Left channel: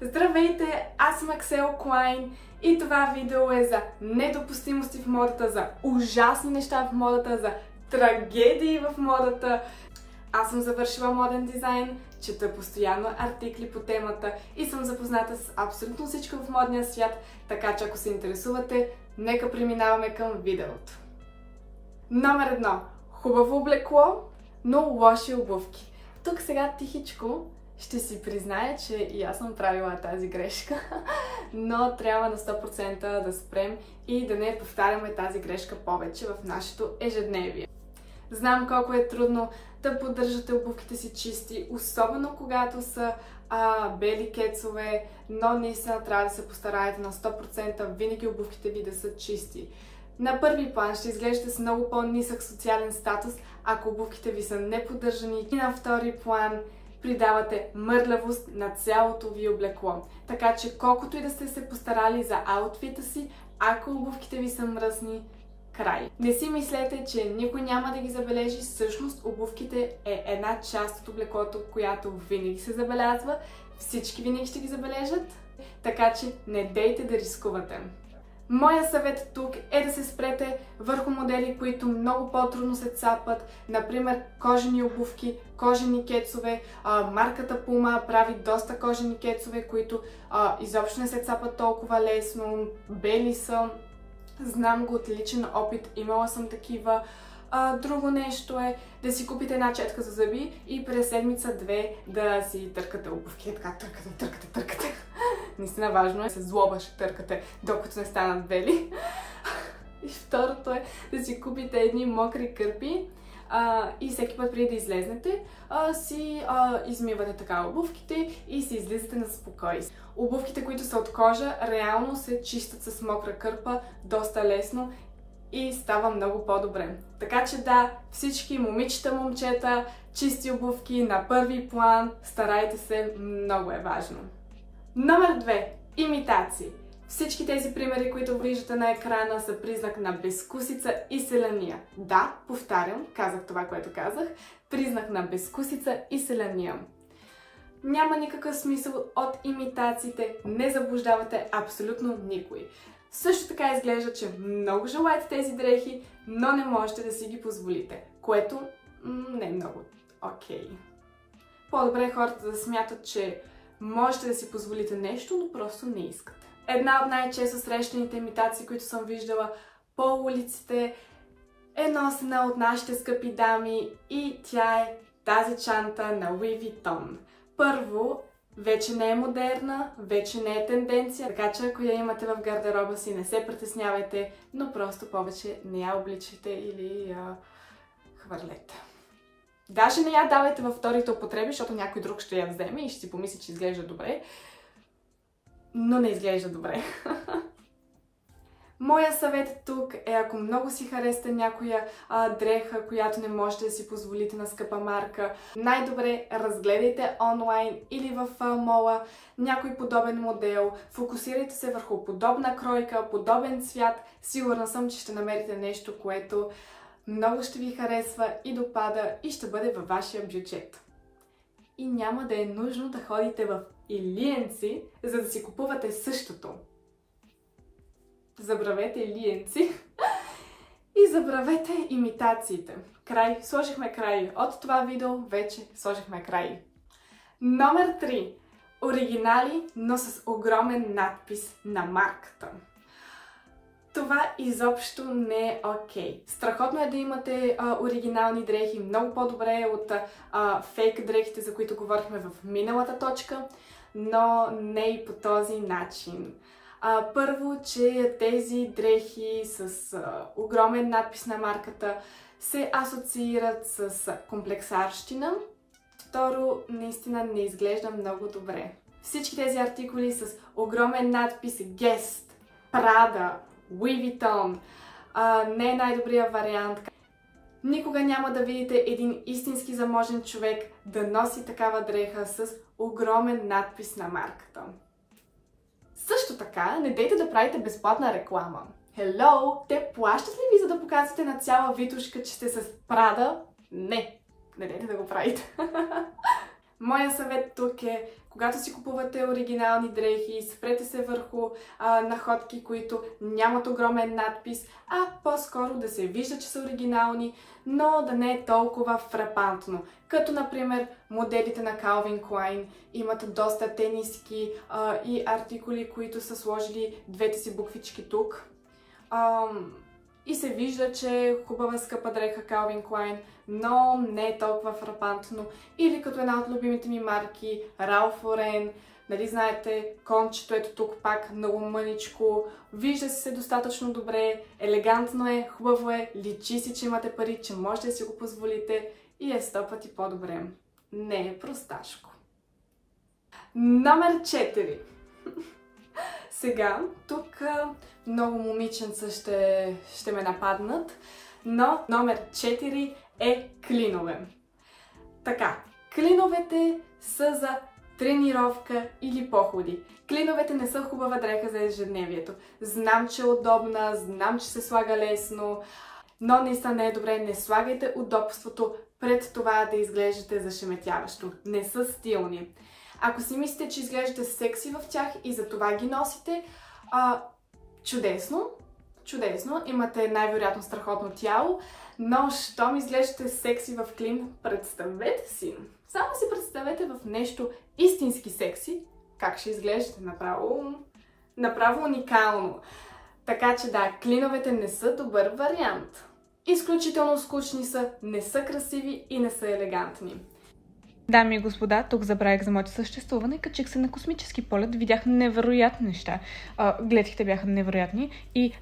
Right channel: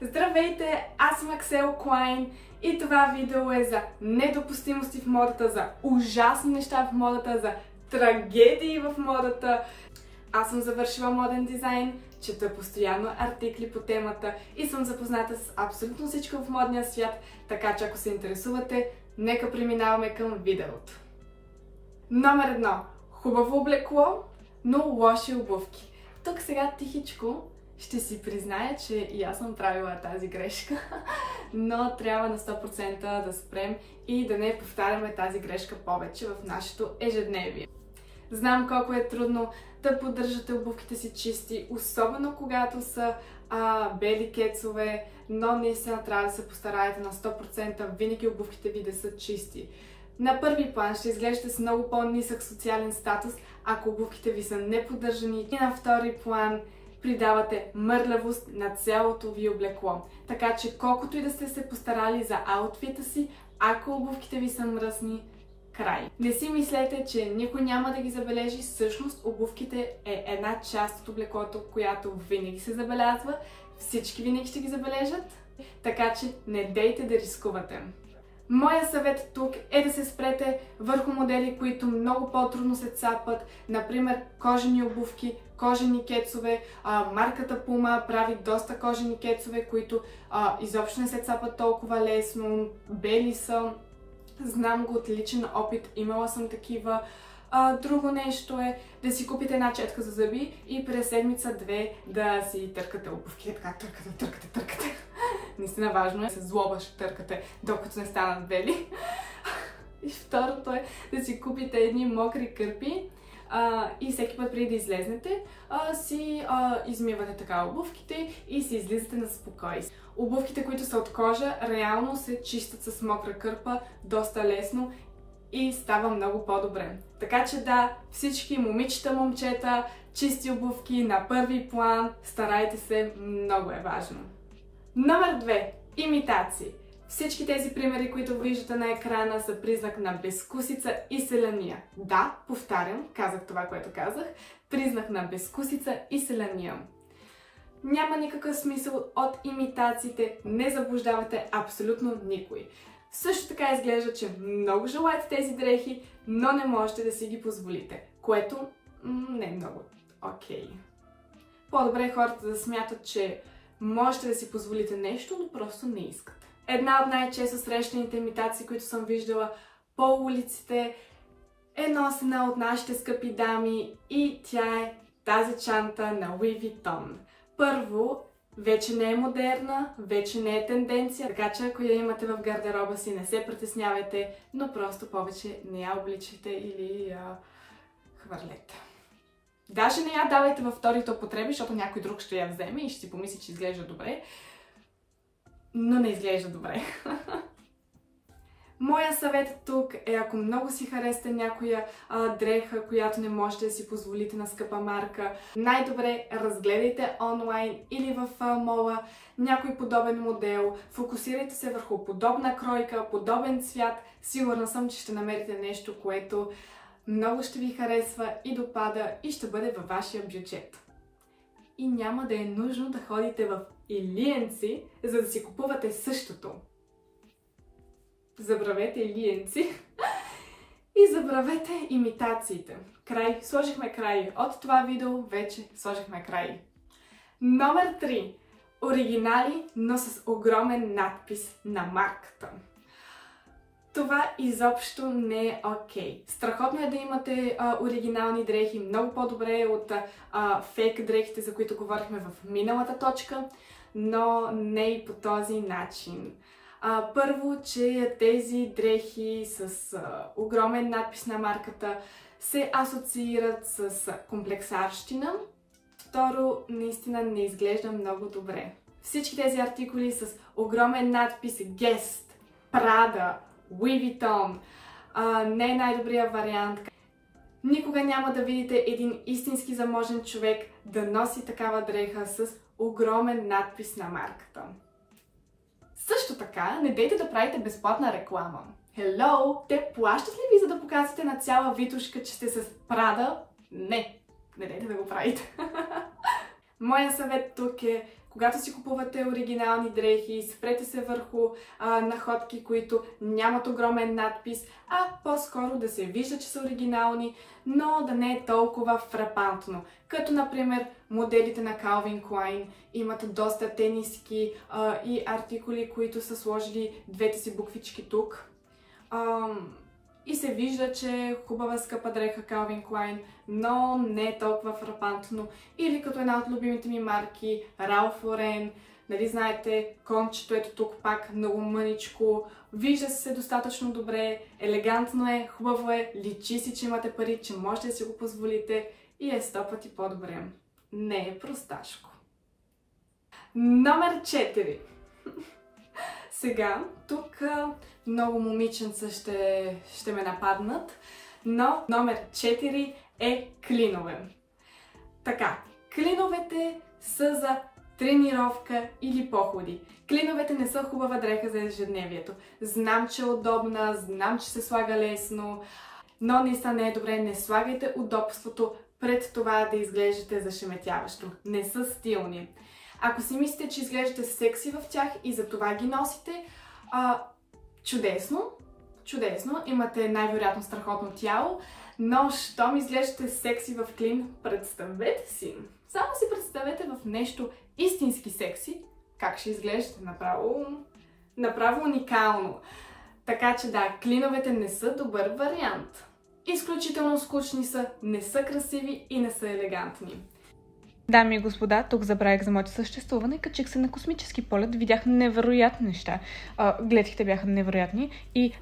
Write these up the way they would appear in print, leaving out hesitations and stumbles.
Здравейте, аз съм Аксел Клайн и това видео е за недопустимости в модата, за ужасни неща в модата, за трагедии в модата. Аз съм завършила моден дизайн, чета постоянно артикли по темата и съм запозната с абсолютно всичко в модния свят, така че ако се интересувате, нека преминаваме към видеото. Номер 1. Хубаво облекло, но лоши обувки. Тук сега тихичко ще си призная, че и аз съм правила тази грешка, но трябва на 100% да спрем и да не повтаряме тази грешка повече в нашето ежедневие. Знам колко е трудно да поддържате обувките си чисти, особено когато са бели кецове, но наистина трябва да се постараете на 100% винаги обувките ви да са чисти. На първи план ще изглеждате с много по-нисък социален статус, ако обувките ви са неподдържани, и на втори план придавате мърлявост на цялото ви облекло. Така че колкото и да сте се постарали за аутфита си, ако обувките ви са мръсни, край. Не си мислете, че никой няма да ги забележи. Всъщност обувките е една част от облеклото, която винаги се забелязва. Всички винаги ще ги забележат, така че не дейте да рискувате. Моя съвет тук е да се спрете върху модели, които много по-трудно се цапат, например кожени обувки, кожени кецове. Марката Puma прави доста кожени кецове, които изобщо не се цапат толкова лесно, бели са. Знам го от личен опит, имала съм такива. Друго нещо е да си купите една четка за зъби и през седмица-две да си търкате обувки. Така, търкате. Наистина важно е, се злоба ще търкате, докато не станат бели. И второто е да си купите едни мокри кърпи и всеки път преди да излезнете, си измивате така обувките и си излизате на спокойствие. Обувките, които са от кожа, реално се чистят с мокра кърпа доста лесно и става много по-добре. Така че да, всички момичета, момчета, чисти обувки на първи план, старайте се, много е важно. Номер 2. Имитации. Всички тези примери, които виждате на екрана, са признак на безвкусица и селяния. Да, повтарям, казах това, което казах. Признак на безвкусица и селяния. Няма никакъв смисъл от имитациите, не заблуждавате абсолютно никой. Също така изглежда, че много желаете тези дрехи, но не можете да си ги позволите, което не е много окей. По-добре е хората да смятат, че можете да си позволите нещо, но просто не искате. Една от най-често срещаните имитации, които съм виждала по улиците, е носена от нашите скъпи дами и тя е тази чанта на Louis Vuitton. Първо, вече не е модерна, вече не е тенденция, така че ако я имате в гардероба си, не се притеснявайте, но просто повече не я обличайте или я хвърлете. Даже не я давайте във вторите употреби, защото някой друг ще я вземе и ще си помисли, че изглежда добре, но не изглежда добре. Моя съвет тук е, ако много си харесате някоя дреха, която не можете да си позволите на скъпа марка, най-добре разгледайте онлайн или в мола някой подобен модел, фокусирайте се върху подобна кройка, подобен цвят. Сигурна съм, че ще намерите нещо, което много ще ви харесва и допада и ще бъде във вашия бюджет. И няма да е нужно да ходите в Илиенци, за да си купувате същото. Забравете Илиенци и забравете имитациите. Край. Сложихме край. От това видео вече сложихме край. Номер 3. Оригинали, но с огромен надпис на марката. Това изобщо не е окей. Страхотно е да имате оригинални дрехи, много по-добре е от фейк дрехите, за които говорихме в миналата точка, но не и по този начин. Първо, че тези дрехи с огромен надпис на марката се асоциират с комплексарщина. Второ, наистина не изглежда много добре. Всички тези артикули с огромен надпис Guess, Prada, Louis Vuitton не е най-добрият вариант. Никога няма да видите един истински заможен човек да носи такава дреха с огромен надпис на марката. Също така, не дейте да правите безплатна реклама. Hello! Те плащат ли ви, за да показвате на цяла витушка, че сте с Prada? Не! Не дейте да го правите. Моя съвет тук е, Когато си купувате оригинални дрехи, спрете се върху находки, които нямат огромен надпис, а по-скоро да се вижда, че са оригинални, но да не е толкова фрапантно. Като, например, моделите на Calvin Klein имат доста тениски и артикули, които са сложили двете си буквички тук. И се вижда, че е хубава скъпа дреха Calvin Klein, но не е толкова фрапантно. Или като една от любимите ми марки, Ralph Lauren. Нали знаете, кончето ето тук пак много мъничко. Вижда се достатъчно добре, елегантно е, хубаво е, личи си, че имате пари, че можете да си го позволите и е 100 пъти по-добре. Не е просташко. Номер 4. Сега, тук много момиченца ще ме нападнат, но номер 4 е клинове. Така, клиновете са за тренировка или походи. Клиновете не са хубава дреха за ежедневието. Знам, че е удобна, знам, че се слага лесно, но наистина не е добре. Не слагайте удобството пред това да изглеждате зашеметяващо. Не са стилни. Ако си мислите, че изглеждате секси в тях и за това ги носите, чудесно, чудесно, имате най-вероятно страхотно тяло, но щом изглеждате секси в клин, представете си, само си представете в нещо истински секси, как ще изглеждате направо уникално. Така че да, клиновете не са добър вариант. Изключително скучни са, не са красиви и не са елегантни. Дами и господа, тук забравих за моето съществуване, качих се на космически полет, видях невероятни неща. Гледките бяха невероятни и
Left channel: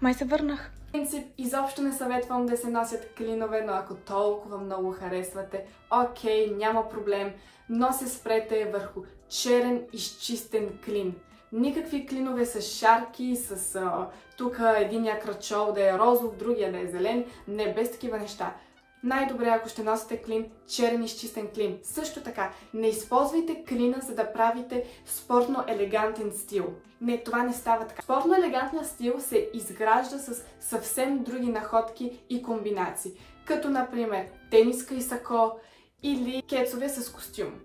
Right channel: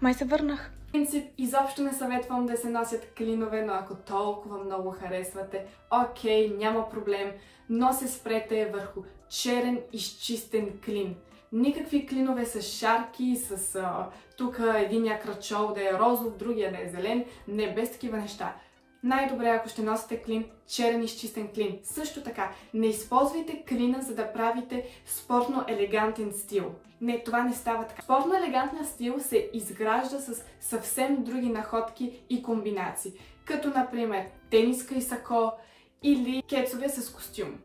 май се върнах. В принцип, изобщо не съветвам да се носят клинове, но ако толкова много харесвате, окей, няма проблем, но се спрете върху черен изчистен клин. Никакви клинове с шарки, с тук единия кръчол да е розов, другия да е зелен, не, без такива неща. Най-добре, ако ще носите клин, черен изчистен клин. Също така, не използвайте клина, за да правите спортно-елегантен стил. Не, това не става така. Спортно-елегантният стил се изгражда с съвсем други находки и комбинации. Като, например, тениска и сако или кецове с костюм.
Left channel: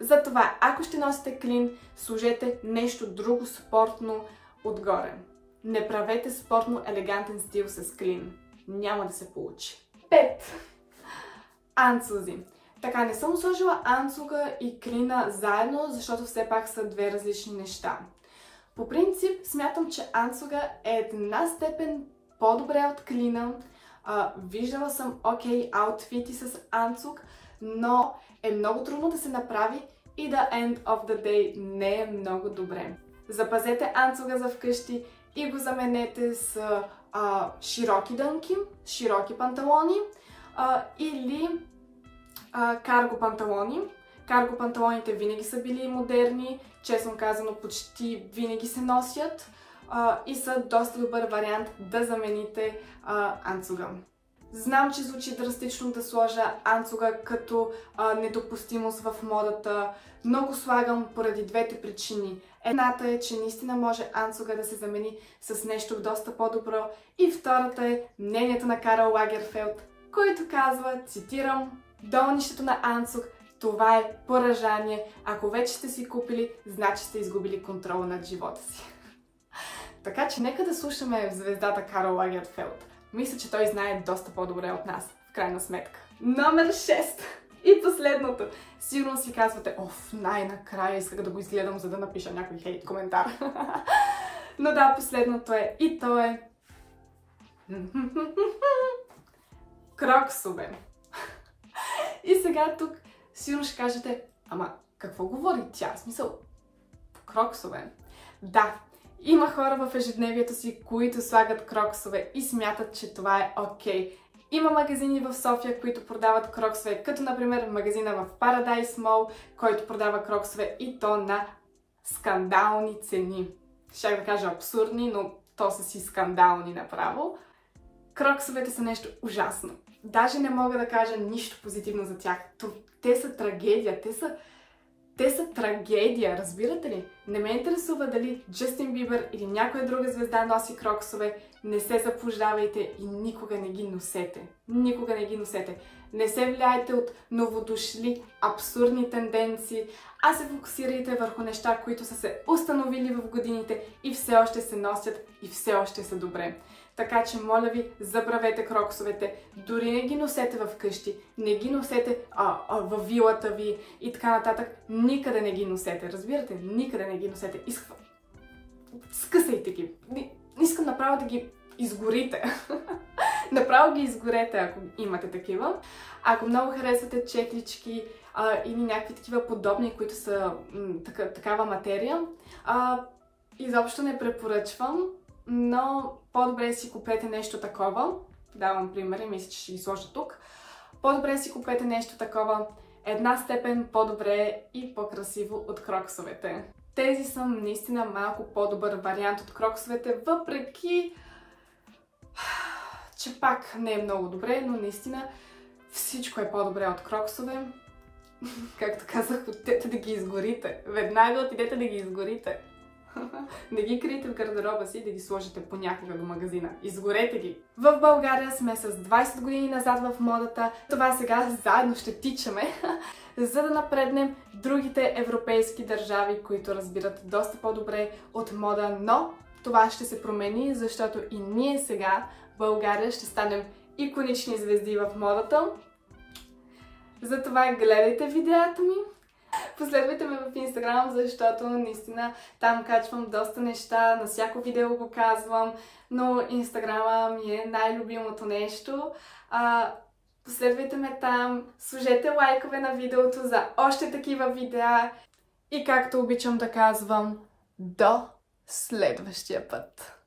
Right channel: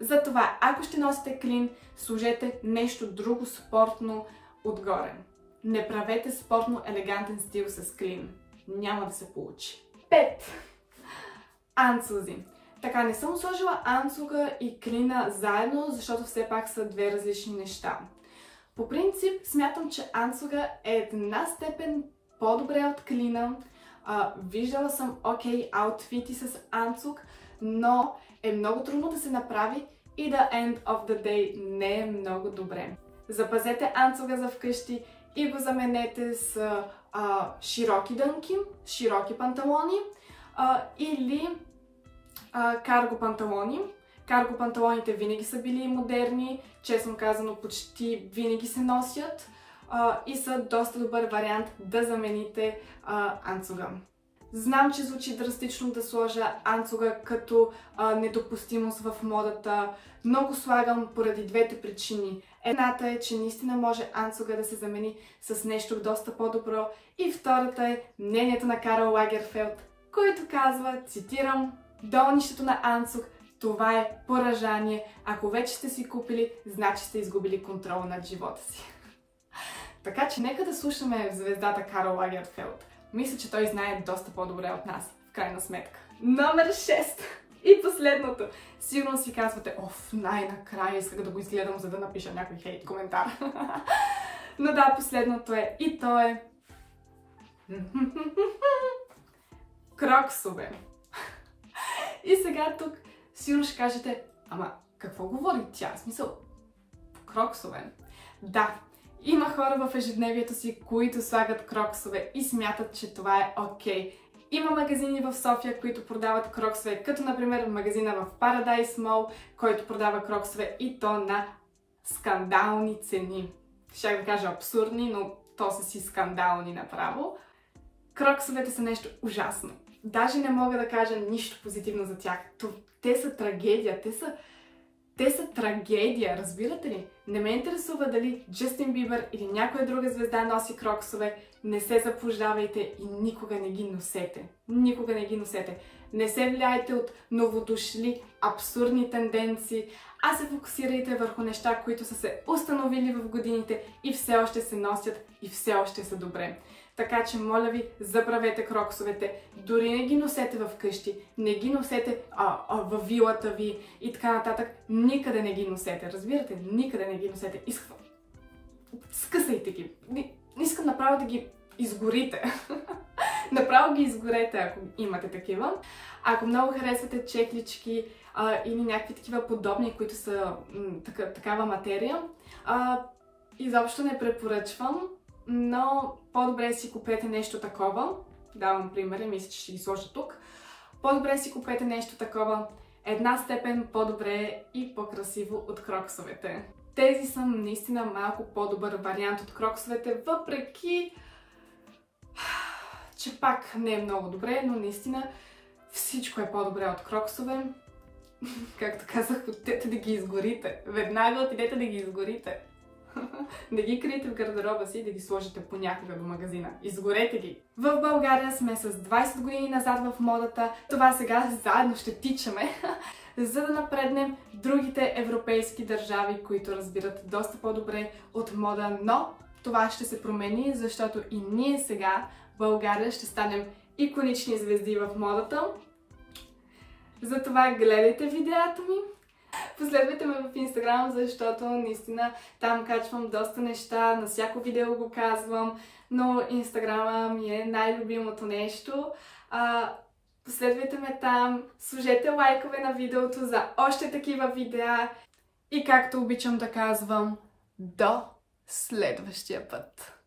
Затова, ако ще носите клин, сложете нещо друго спортно отгоре. Не правете спортно-елегантен стил с клин. Няма да се получи. 5. Анцузи. Така, не съм сложила анцуга и клина заедно, защото все пак са две различни неща. По принцип, смятам, че анцуга е една степен по-добре от клина. Виждала съм аутфити с анцуг, но е много трудно да се направи и the end of the day не е много добре. Запазете анцуга за вкъщи и го заменете с широки дънки, широки панталони или карго панталони. Карго панталоните винаги са били модерни, честно казано почти винаги се носят и са доста добър вариант да замените анцуга. Знам, че звучи драстично да сложа анцуга като недопустимост в модата, но го слагам поради двете причини. Едната е, че наистина може анцуга да се замени с нещо доста по-добро и втората е мнението на Карл Лагерфелд, който казва, цитирам, долнището на анцуг, това е поражание. Ако вече сте си купили, значи сте изгубили контрол над живота си. Така че нека да слушаме звездата Карл Лагерфелд. Мисля, че той знае доста по-добре от нас, в крайна сметка. Номер 6. И последното. Сигурно си казвате, най-накрая исках да го изгледам, за да напиша някой хейт коментар. Но да, последното е. И то е... кроксове. И сега тук сигурно ще кажете, ама какво говори тя? В смисъл, кроксове. Да, има хора в ежедневието си, които слагат кроксове и смятат, че това е окей. Има магазини в София, които продават кроксове, като например магазина в Paradise Mall, който продава кроксове и то на скандални цени. Щях да кажа абсурдни, но то са си скандални направо. Кроксовете са нещо ужасно. Даже не мога да кажа нищо позитивно за тях. Те са трагедия. Те са трагедия, разбирате ли? Не ме интересува дали Джастин Бибър или някоя друга звезда носи кроксове. Не се заблуждавайте и никога не ги носете. Никога не ги носете. Не се влияйте от новодошли абсурдни тенденции, а се фокусирайте върху неща, които са се установили в годините и все още се носят и все още са добре. Така че, моля ви, забравете кроксовете, дори не ги носете в къщи, не ги носете във вилата ви и така нататък. Никъде не ги носете, разбирате? Никъде не ги носете. Скъсайте ги. Искам направо да ги изгорите. Направо ги изгорете, ако имате такива. Ако много харесвате чеклички или някакви такива подобни, които са такава материя, изобщо не препоръчвам, но по-добре си купете нещо такова. Давам примери, мисля, че ще ги сложа тук. По-добре си купете нещо такова, една степен по-добре и по-красиво от кроксовете. Тези са наистина малко по-добър вариант от кроксовете, въпреки че пак не е много добре, но наистина всичко е по-добре от кроксове. Както казах, отидете да ги изгорите. Веднага отидете да ги изгорите. Не ги криете в гардероба си и да ги сложите понякога до магазина. Изгорете ги! В България сме с 20 години назад в модата. Това сега заедно ще тичаме, за да напреднем другите европейски държави, които разбират доста по-добре от мода, но това ще се промени, защото и ние сега в България ще станем иконични звезди в модата. Затова гледайте видеята ми. Последвайте ме в Инстаграм, защото наистина там качвам доста неща, на всяко видео го казвам, но Инстаграма ми е най-любимото нещо. Последвайте ме там, сложете лайкове на видеото за още такива видеа и както обичам да казвам, до следващия път!